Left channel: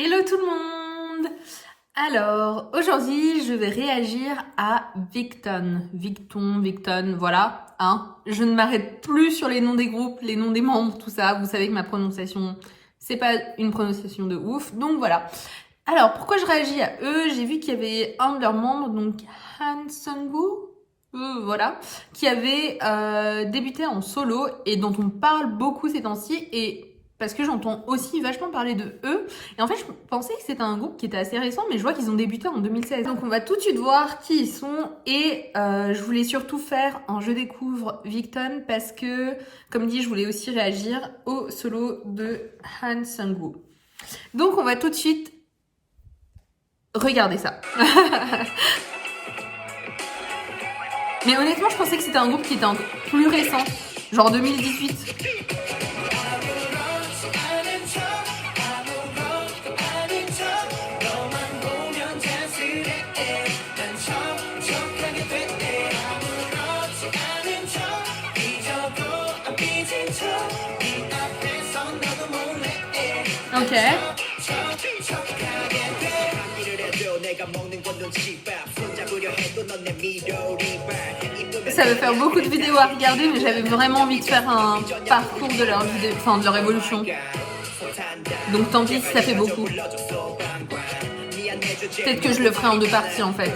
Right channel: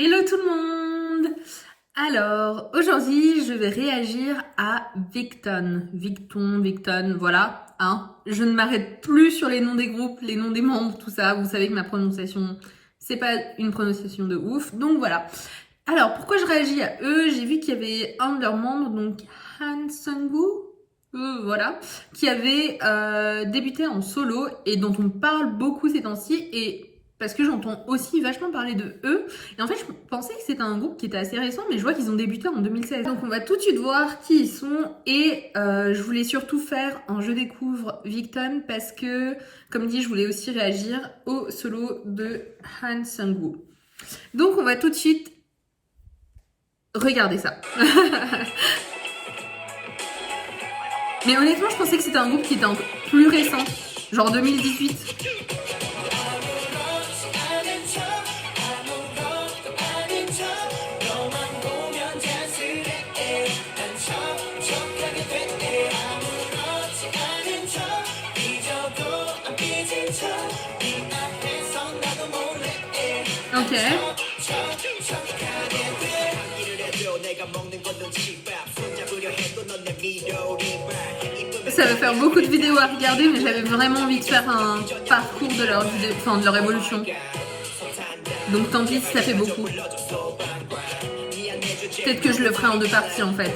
Hello tout le monde! Alors, aujourd'hui, je vais réagir à Victon, voilà, hein. Je ne m'arrête plus sur les noms des groupes, les noms des membres, tout ça. Vous savez que ma prononciation, c'est pas une prononciation de ouf, donc voilà. Alors, pourquoi je réagis à eux? J'ai vu qu'il y avait un de leurs membres, donc Han Sung-woo, voilà, qui avait débuté en solo et dont on parle beaucoup ces temps-ci, et parce que j'entends aussi vachement parler de eux. Et en fait, je pensais que c'était un groupe qui était assez récent, mais je vois qu'ils ont débuté en 2016. Donc on va tout de suite voir qui ils sont. Et je voulais surtout faire un Je découvre Victon parce que, comme dit, je voulais aussi réagir au solo de Han Sung-woo. Donc on va tout de suite regarder ça. Mais honnêtement, je pensais que c'était un groupe qui était encore plus récent, genre 2018. Ok. Ça va faire beaucoup de vidéos à regarder, mais j'avais vraiment envie de faire un parcours de leur vidéo, enfin de leur évolution. Donc tant pis si ça fait beaucoup. Peut-être que je le ferai en 2 parties en fait.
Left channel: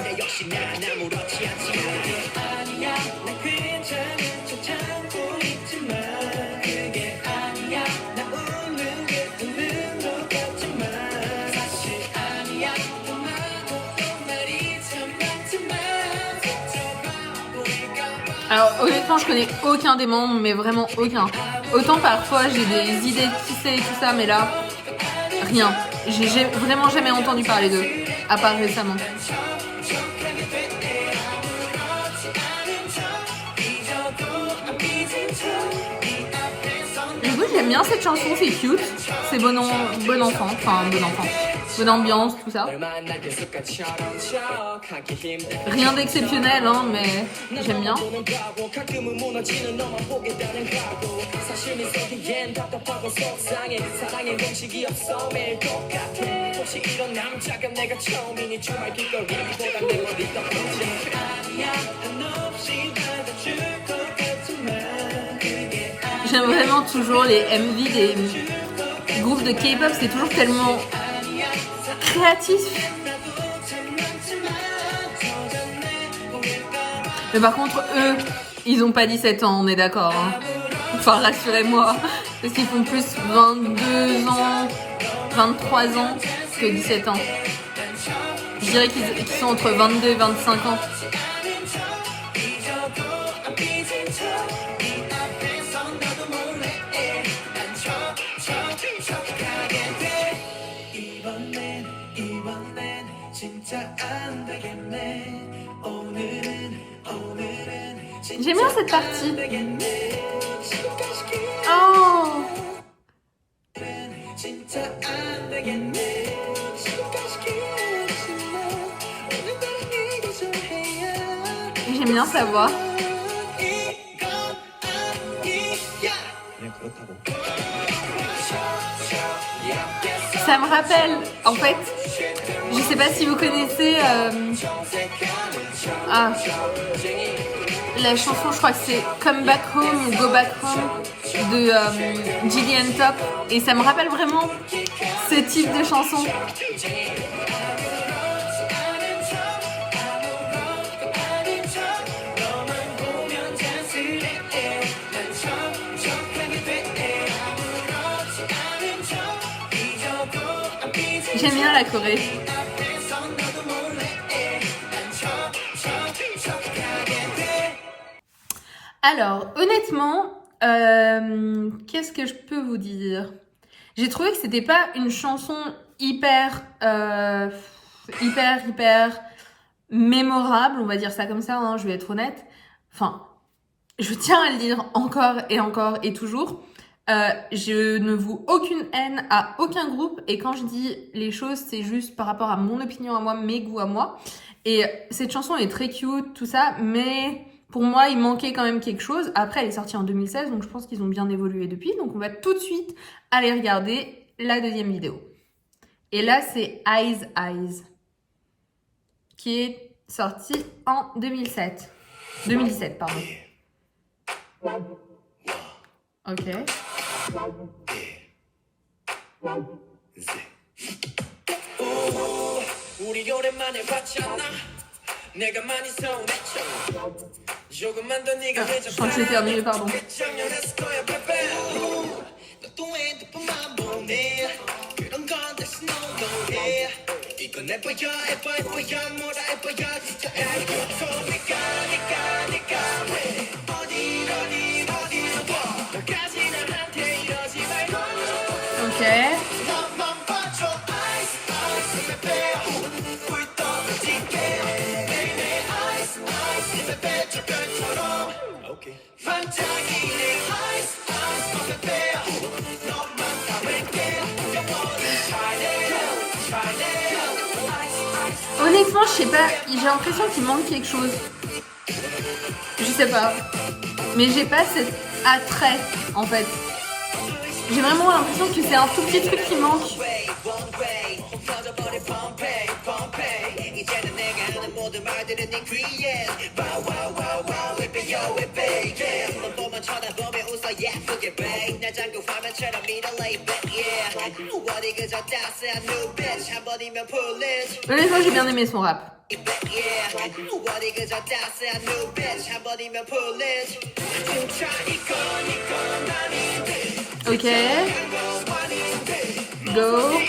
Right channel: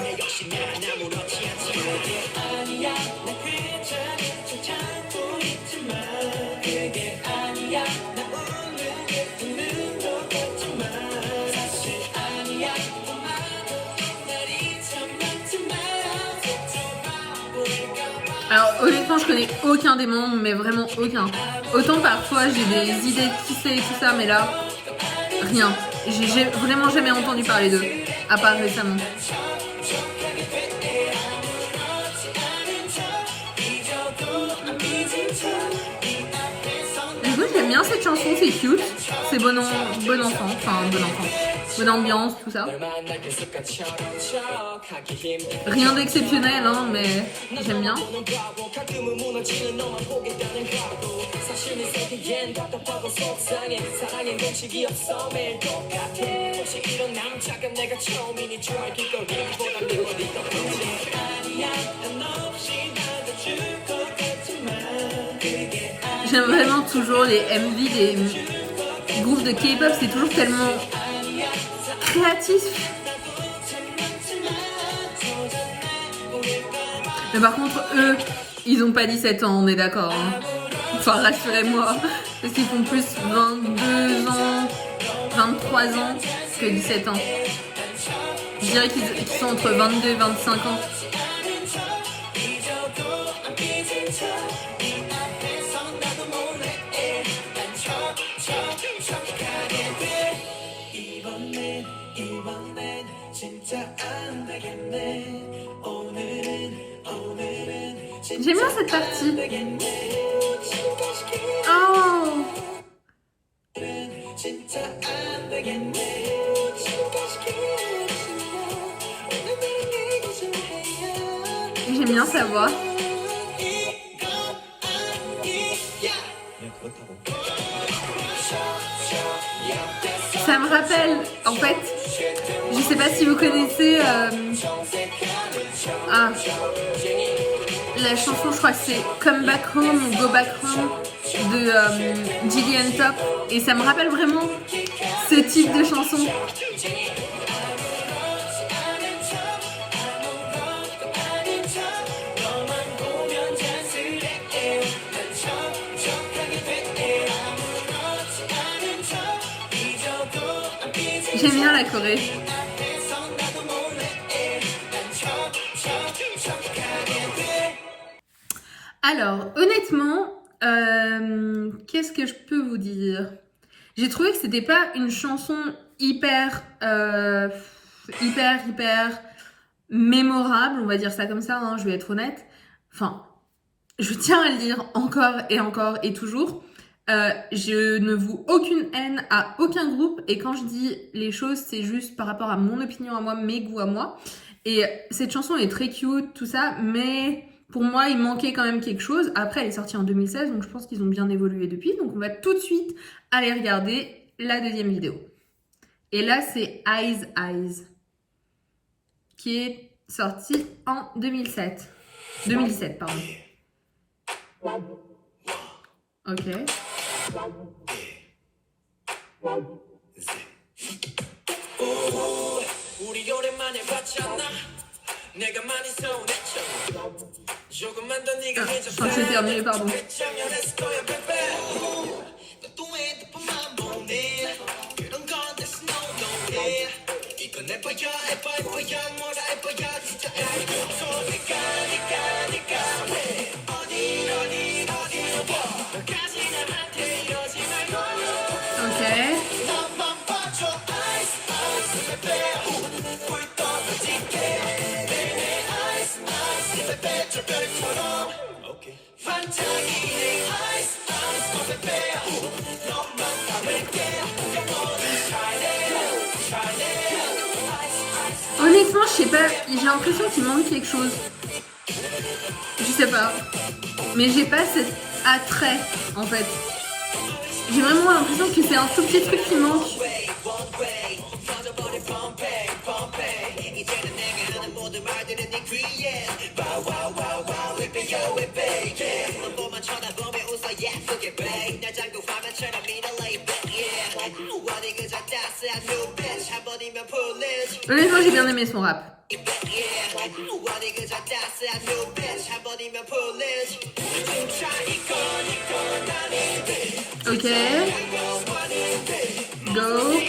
Alors honnêtement, je connais aucun des membres, mais vraiment aucun. Autant parfois j'ai des idées de qui c'est et tout ça, mais là, rien. J'ai vraiment jamais entendu parler d'eux, à part récemment. Du coup, j'aime bien cette chanson, c'est cute, c'est bon enfant, enfin bon enfant, bonne ambiance, tout ça. Rien d'exceptionnel, hein, mais j'aime bien. J'aime vraiment toujours les MV des groupes de K-pop, c'est toujours tellement créatif. Mais par contre, eux, ils ont pas 17 ans, on est d'accord, hein. Enfin, rassurez-moi, parce qu'ils font plus 22 ans, 23 ans que 17 ans. Je dirais qu'ils sont entre 22 et 25 ans. J'aime bien cette partie. Oh! J'aime bien sa voix. Ça me rappelle, en fait, je sais pas si vous connaissez la chanson, je crois que c'est Come Back Home ou Go Back Home de Gilly and Top, et ça me rappelle vraiment ce type de chanson. J'aime bien la Corée. Alors, honnêtement, qu'est-ce que je peux vous dire? J'ai trouvé que c'était pas une chanson hyper mémorable, on va dire ça comme ça, hein, je vais être honnête. Enfin, je tiens à le dire encore et toujours. Je ne voue aucune haine à aucun groupe, et quand je dis les choses, c'est juste par rapport à mon opinion à moi, mes goûts à moi. Et cette chanson est très cute, tout ça, mais pour moi, il manquait quand même quelque chose. Après, elle est sortie en 2016, donc je pense qu'ils ont bien évolué depuis. Donc on va tout de suite aller regarder la deuxième vidéo. Et là, c'est Eyes Eyes, qui est sorti en 2007. 2017, pardon. Ok. Je crois que j'ai terminé, pardon. Ok. Honnêtement, je sais pas, j'ai l'impression qu'il manque quelque chose. Je sais pas. Mais j'ai pas cet attrait, en fait. J'ai vraiment l'impression que c'est un tout petit truc qui manque. Honnêtement, j'ai bien aimé son rap. Ok. Go.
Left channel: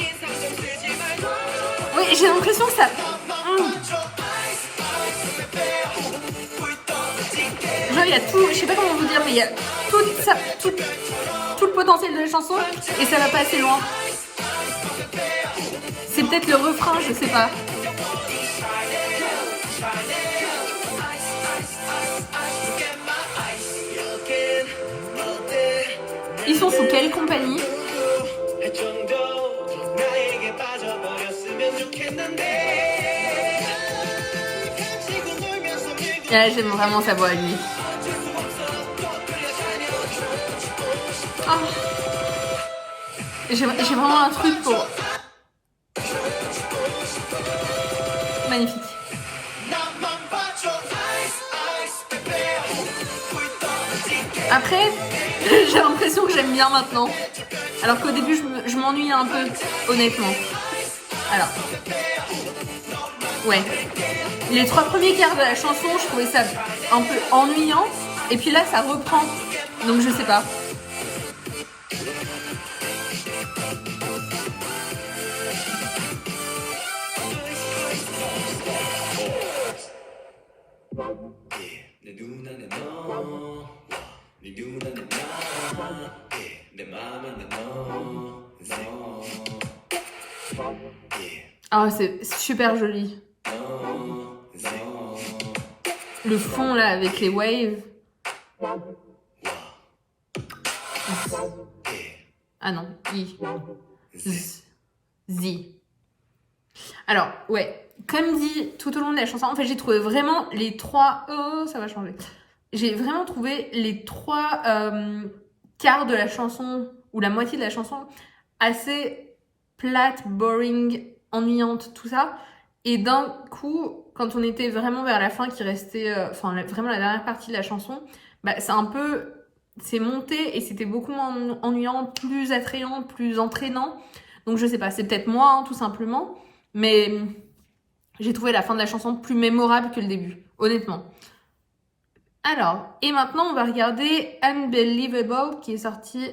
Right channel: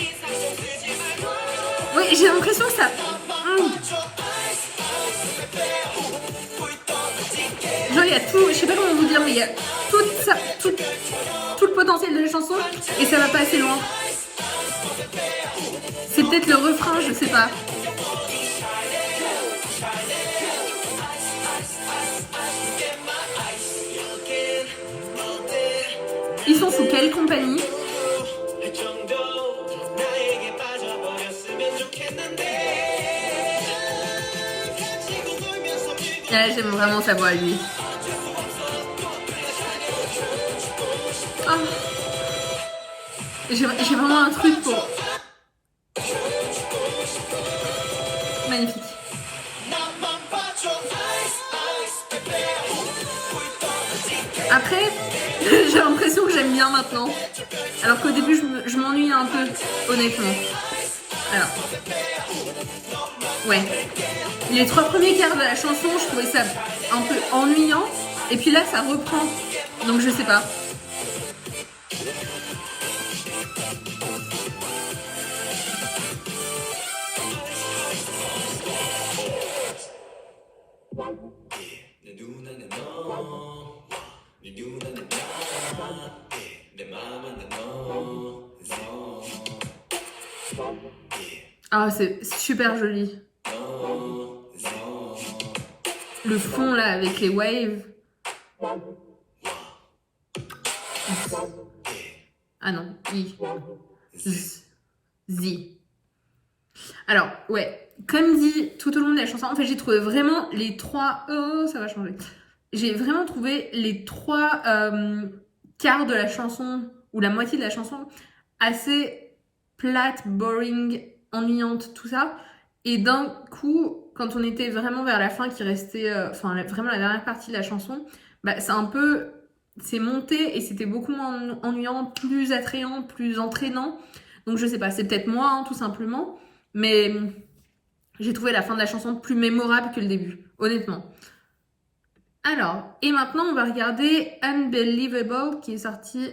Oui, j'ai l'impression que ça... Genre, il y a tout... Je sais pas comment vous dire, mais il y a tout le potentiel de la chanson et ça va pas assez loin. C'est peut-être le refrain, je sais pas. Ils sont sous quelle compagnie? Ouais, j'aime vraiment sa voix à lui. Oh. J'ai vraiment un truc pour... Magnifique. Après, j'ai l'impression que j'aime bien maintenant. Alors qu'au début, je m'ennuie un peu, honnêtement. Alors, ouais. Les 3 premiers quarts de la chanson, je trouvais ça un peu ennuyant. Et puis là, ça reprend. Donc, je sais pas. Ah, c'est super joli. Le fond là avec les waves. Ah non, I. Z. Alors, ouais, comme dit tout au long de la chanson, en fait j'ai trouvé vraiment les 3... Oh, ça va changer. J'ai vraiment trouvé les 3 quarts de la chanson, ou la moitié de la chanson, assez plate, boring, ennuyante, tout ça. Et d'un coup, quand on était vraiment vers la fin, qui restait, vraiment la dernière partie de la chanson, bah, c'est monté et c'était beaucoup moins ennuyant, plus attrayant, plus entraînant. Donc je sais pas, c'est peut-être moi, hein, tout simplement. Mais j'ai trouvé la fin de la chanson plus mémorable que le début, honnêtement. Alors, et maintenant, on va regarder Unbelievable, qui est sorti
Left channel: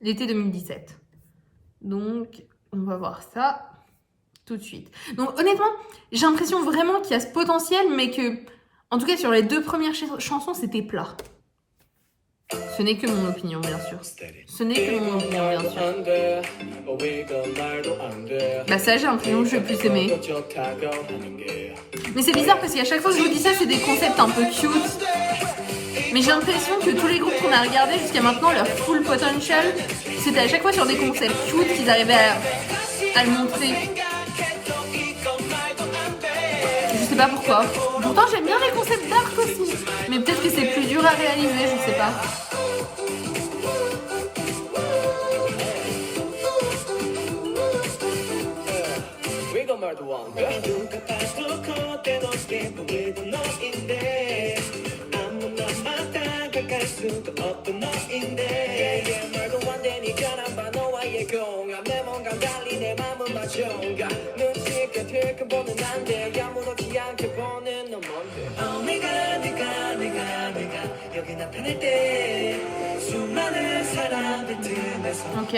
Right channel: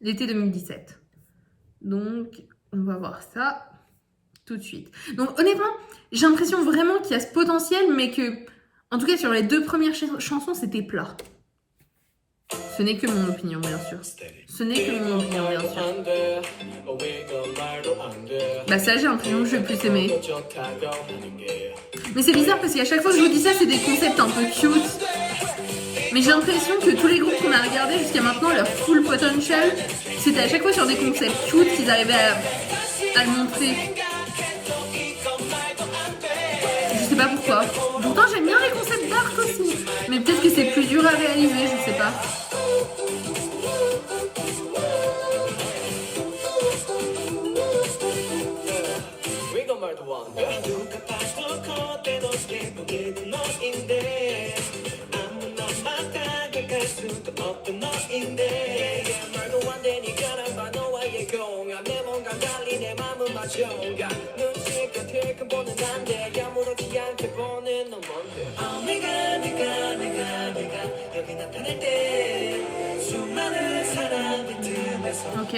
l'été 2017. Donc, on va voir ça tout de suite. Donc, honnêtement, j'ai l'impression vraiment qu'il y a ce potentiel, mais que, en tout cas, sur les 2 premières chansons, c'était plat. Ce n'est que mon opinion, bien sûr. Ce n'est que mon opinion, bien sûr. Bah ça, j'ai l'impression que je vais plus aimer. Mais c'est bizarre parce qu'à chaque fois que je vous dis ça, c'est des concepts un peu cute. Mais j'ai l'impression que tous les groupes qu'on a regardés jusqu'à maintenant, leur full potential, c'était à chaque fois sur des concepts cute qu'ils arrivaient à le montrer. Je sais pas pourquoi. Pourtant, j'aime bien les concepts dark aussi. Mais peut-être que c'est plus dur à réaliser, je sais pas. Ok.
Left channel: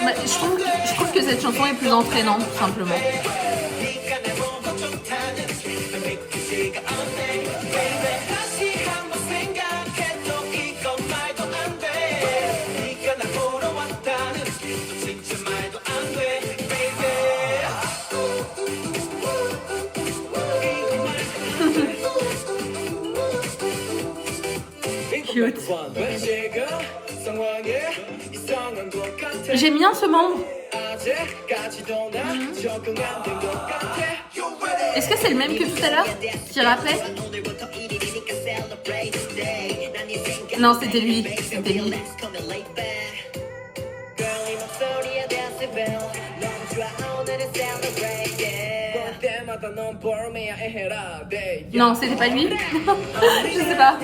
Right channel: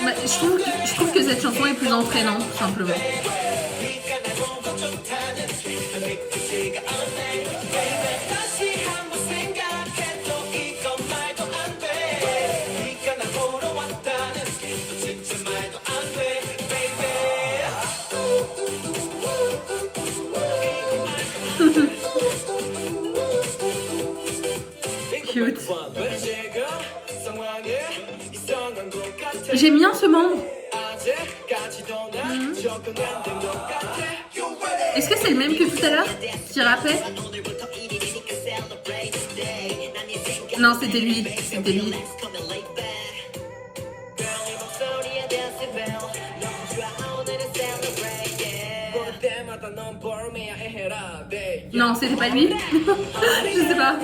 Mais je trouve que cette chanson est plus entraînante, tout simplement. Cute. J'aime bien ce membre. Est-ce que c'est le même que tout à l'heure qui rappait? Non, c'était lui. C'était lui. Non, c'était pas lui. Je sais pas.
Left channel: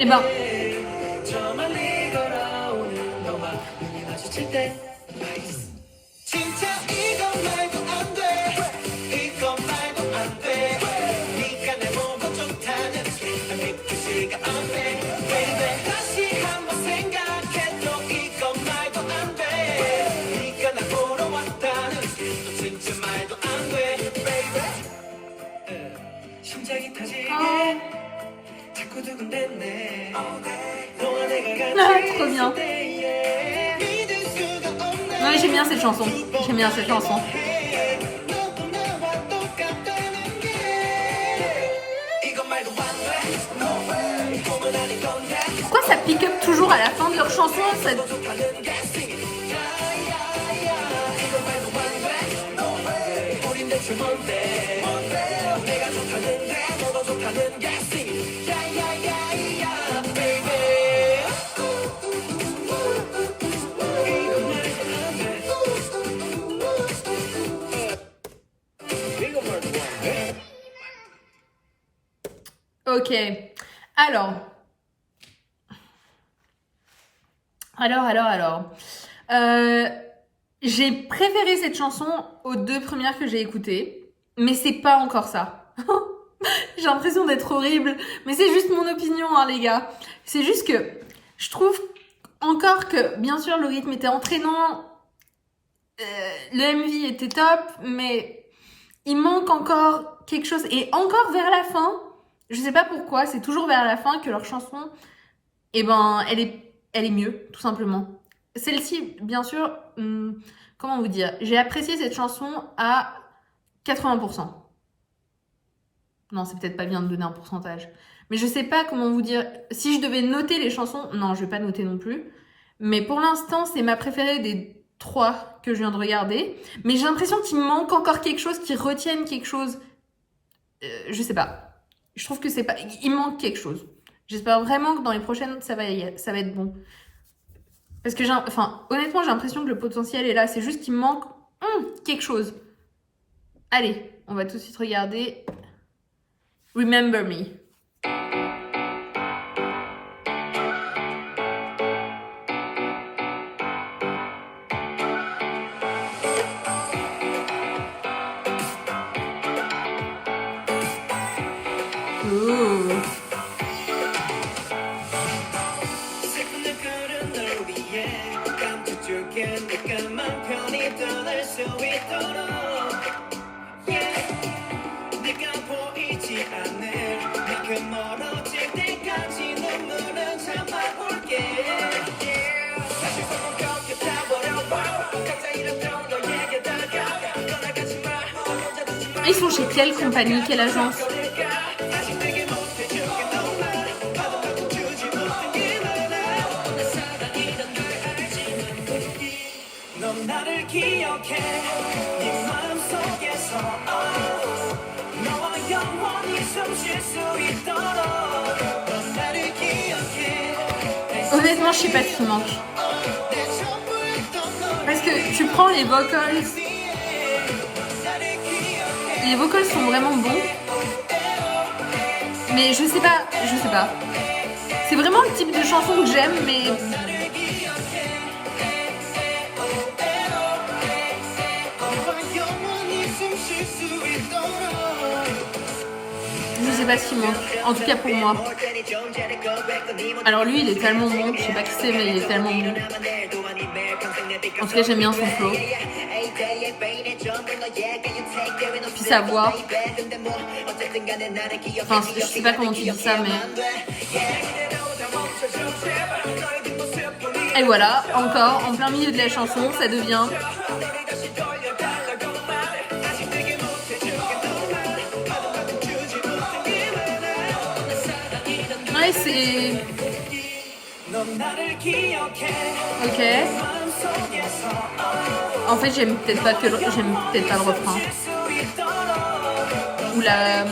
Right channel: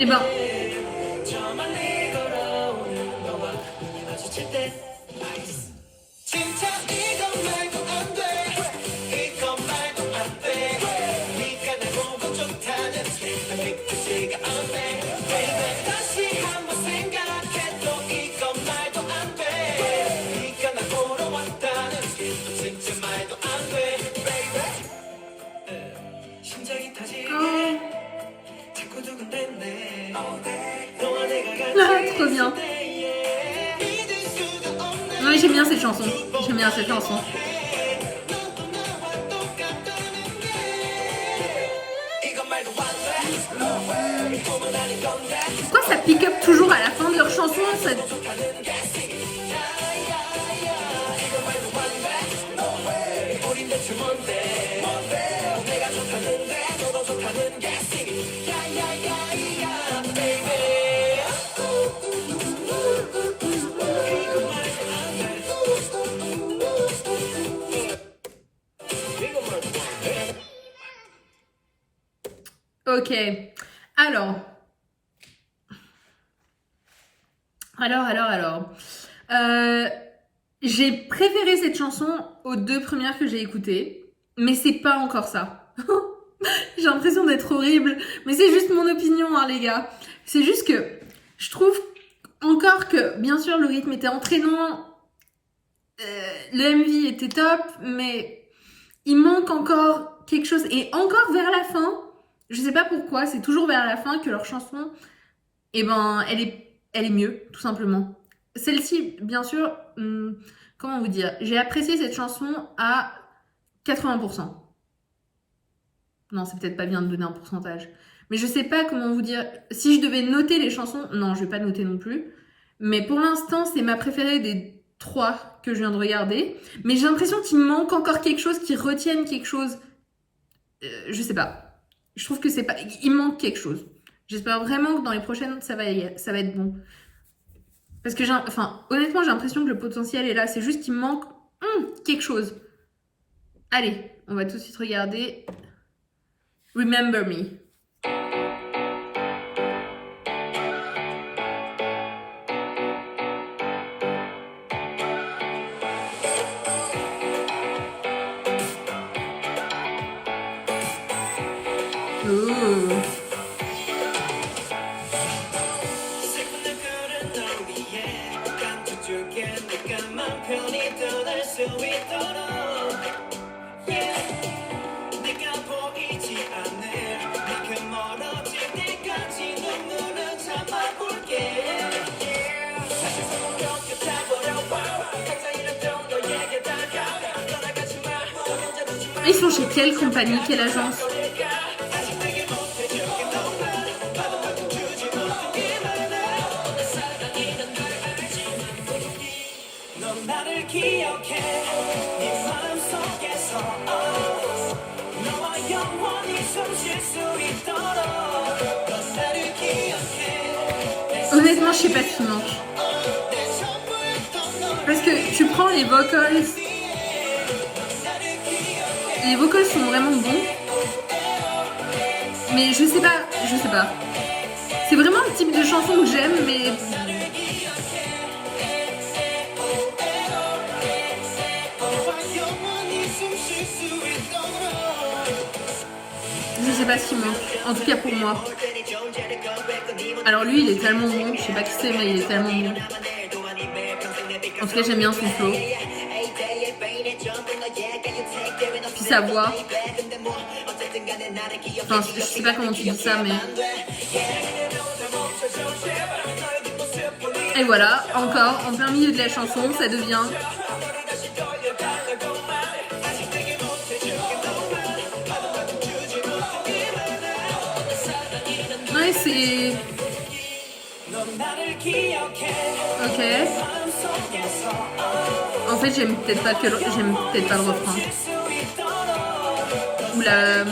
Et ben. Trop bien. Non mais j'aime bien cette chanson. J'aime bien cette chanson. Pourquoi ça pick up toujours à la fin de leur chanson Ok, alors. J'ai préféré cette chanson aux deux premières que j'ai écoutées, mais c'est pas encore ça. J'ai l'impression d'être horrible, mais c'est juste mon opinion, hein, les gars. C'est juste que je trouve encore que, bien sûr, le rythme était entraînant, le MV était top, mais il manque encore quelque chose. Et encore vers la fin, je sais pas pourquoi, c'est toujours vers la fin que leur chanson, eh ben, elle est mieux, tout simplement. Celle-ci, bien sûr, comment vous dire, j'ai apprécié cette chanson à 80%. Non, c'est peut-être pas bien de donner un pourcentage. Mais je sais pas comment vous dire. Si je devais noter les chansons, non, je vais pas noter non plus. Mais pour l'instant, c'est ma préférée des 3 que je viens de regarder. Mais j'ai l'impression qu'il manque encore quelque chose, qu'ils retiennent quelque chose. Je sais pas. Je trouve que c'est pas... Il manque quelque chose. J'espère vraiment que dans les prochaines, ça va être bon. Parce que honnêtement, j'ai l'impression que le potentiel est là. C'est juste qu'il manque quelque chose. Allez, on va tout de suite regarder Remember Me. Ooh. Ils sont chez quelle compagnie, quelle agence? Honnêtement, je sais pas ce qui manque. Parce que tu prends les vocals. Les vocals sont vraiment bons. Mais je sais pas. C'est vraiment le type de chanson que j'aime, mais... Je sais pas ce qu'il manque, en tout cas pour moi. Alors lui, il est tellement bon, je sais pas qui c'est, mais il est tellement bon. En tout cas, j'aime bien son flow. Puis sa voix. Enfin, je sais pas comment tu dis ça, mais... Et voilà, encore, en plein milieu de la chanson, ça devient... Ouais, c'est... Ok. En fait, j'aime peut-être pas le refrain. Ou la...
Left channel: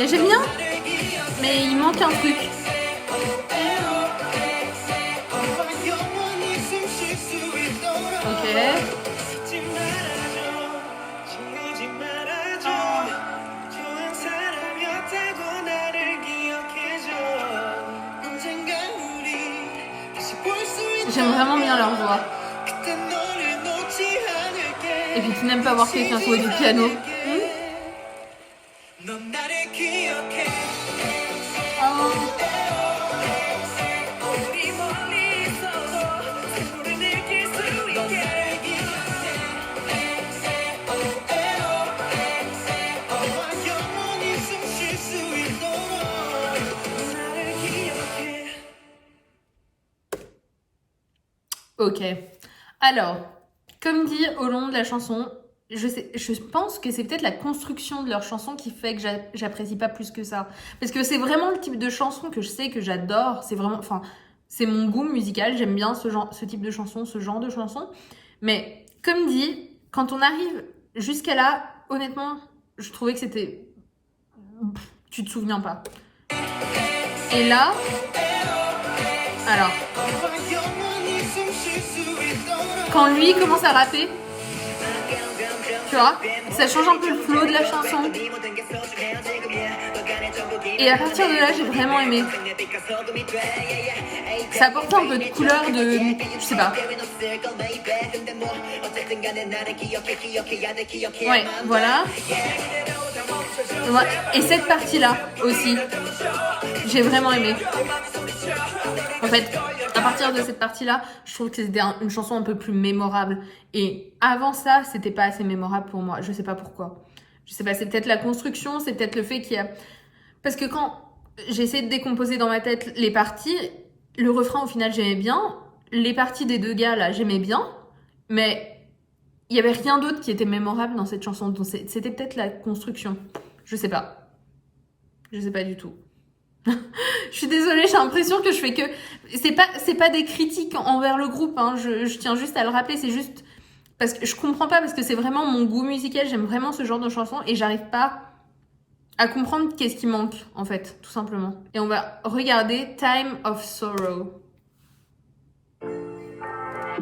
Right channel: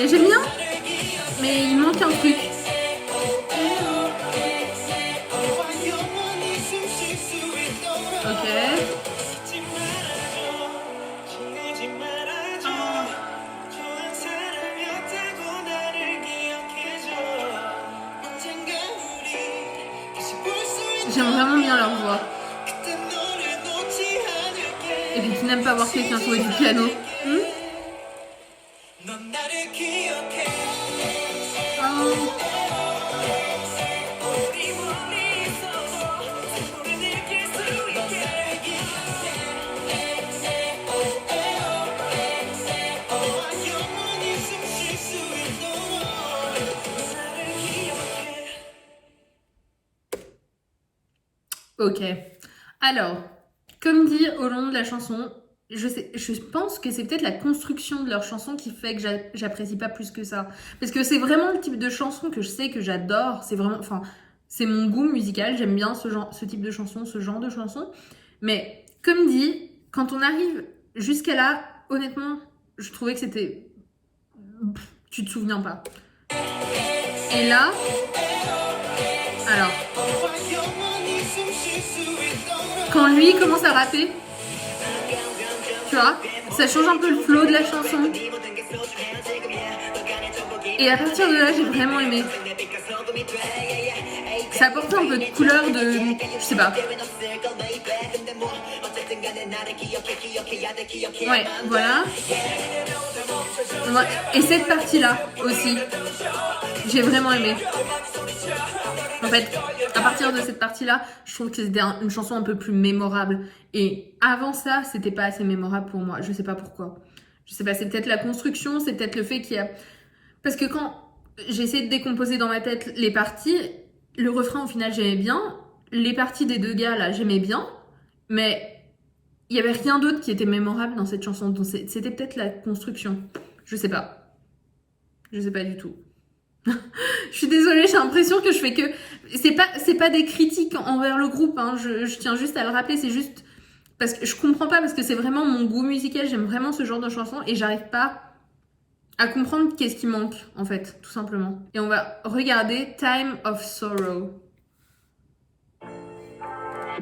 Et j'aime bien, mais il manque un truc. Ok. J'aime vraiment bien leur voix. Et puis tu n'aimes pas voir quelqu'un jouer du piano. Ok. Alors, comme dit au long de la chanson, je pense que c'est peut-être la construction de leur chanson qui fait que j'apprécie pas plus que ça. Parce que c'est vraiment le type de chanson que je sais que j'adore. C'est vraiment, enfin, c'est mon goût musical. J'aime bien ce type de chanson, ce genre de chanson. Mais comme dit, quand on arrive jusqu'à là, honnêtement, je trouvais que c'était... Tu te souviens pas. Et là... Alors... Quand lui commence à rapper, tu vois, ça change un peu le flow de la chanson. Et à partir de là, j'ai vraiment aimé. Ça apporte un peu de couleur de... Je sais pas. Ouais, voilà. Ouais. Et cette partie-là aussi, j'ai vraiment aimé. En fait, à partir de cette partie-là, je trouve que c'était une chanson un peu plus mémorable. Et avant ça, c'était pas assez mémorable pour moi. Je sais pas pourquoi. Je sais pas, c'est peut-être la construction, c'est peut-être le fait qu'il y a... Parce que quand j'ai essayé de décomposer dans ma tête les parties, le refrain, au final, j'aimais bien. Les parties des deux gars, là, j'aimais bien. Mais il y avait rien d'autre qui était mémorable dans cette chanson. Donc c'était peut-être la construction. Je sais pas. Je sais pas du tout. Je suis désolée, j'ai l'impression que je fais que... C'est pas des critiques envers le groupe, hein. Je tiens juste à le rappeler, c'est juste... Parce que je comprends pas, parce que c'est vraiment mon goût musical, j'aime vraiment ce genre de chanson et j'arrive pas à comprendre qu'est-ce qui manque, en fait, tout simplement. Et on va regarder Time of Sorrow.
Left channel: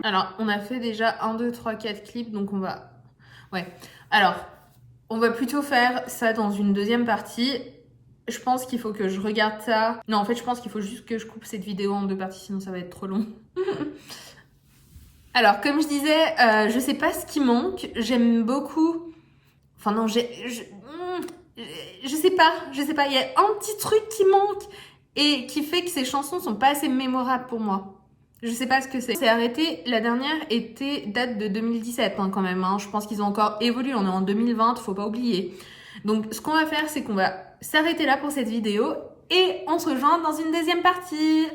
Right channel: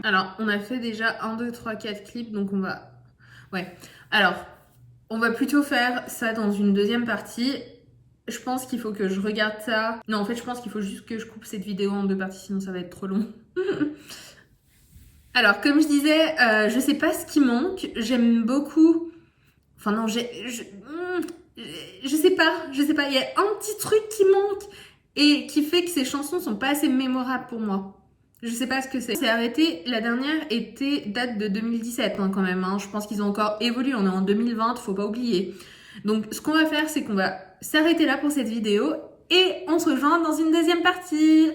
Alors, on a fait déjà 1, 2, 3, 4 clips, donc on va... Ouais. Alors, on va plutôt faire ça dans une deuxième partie. Je pense qu'il faut que je regarde ça. Non, en fait, je pense qu'il faut juste que je coupe cette vidéo en 2 parties, sinon ça va être trop long. Alors, comme je disais, je sais pas ce qui manque. J'aime beaucoup... Enfin non, je sais pas. Il y a un petit truc qui manque et qui fait que ces chansons sont pas assez mémorables pour moi. Je sais pas ce que c'est. C'est arrêté, la dernière date de 2017 hein, quand même. Hein. Je pense qu'ils ont encore évolué. On est en 2020, faut pas oublier. Donc, ce qu'on va faire, c'est qu'on va s'arrêter là pour cette vidéo et on se rejoint dans une deuxième partie.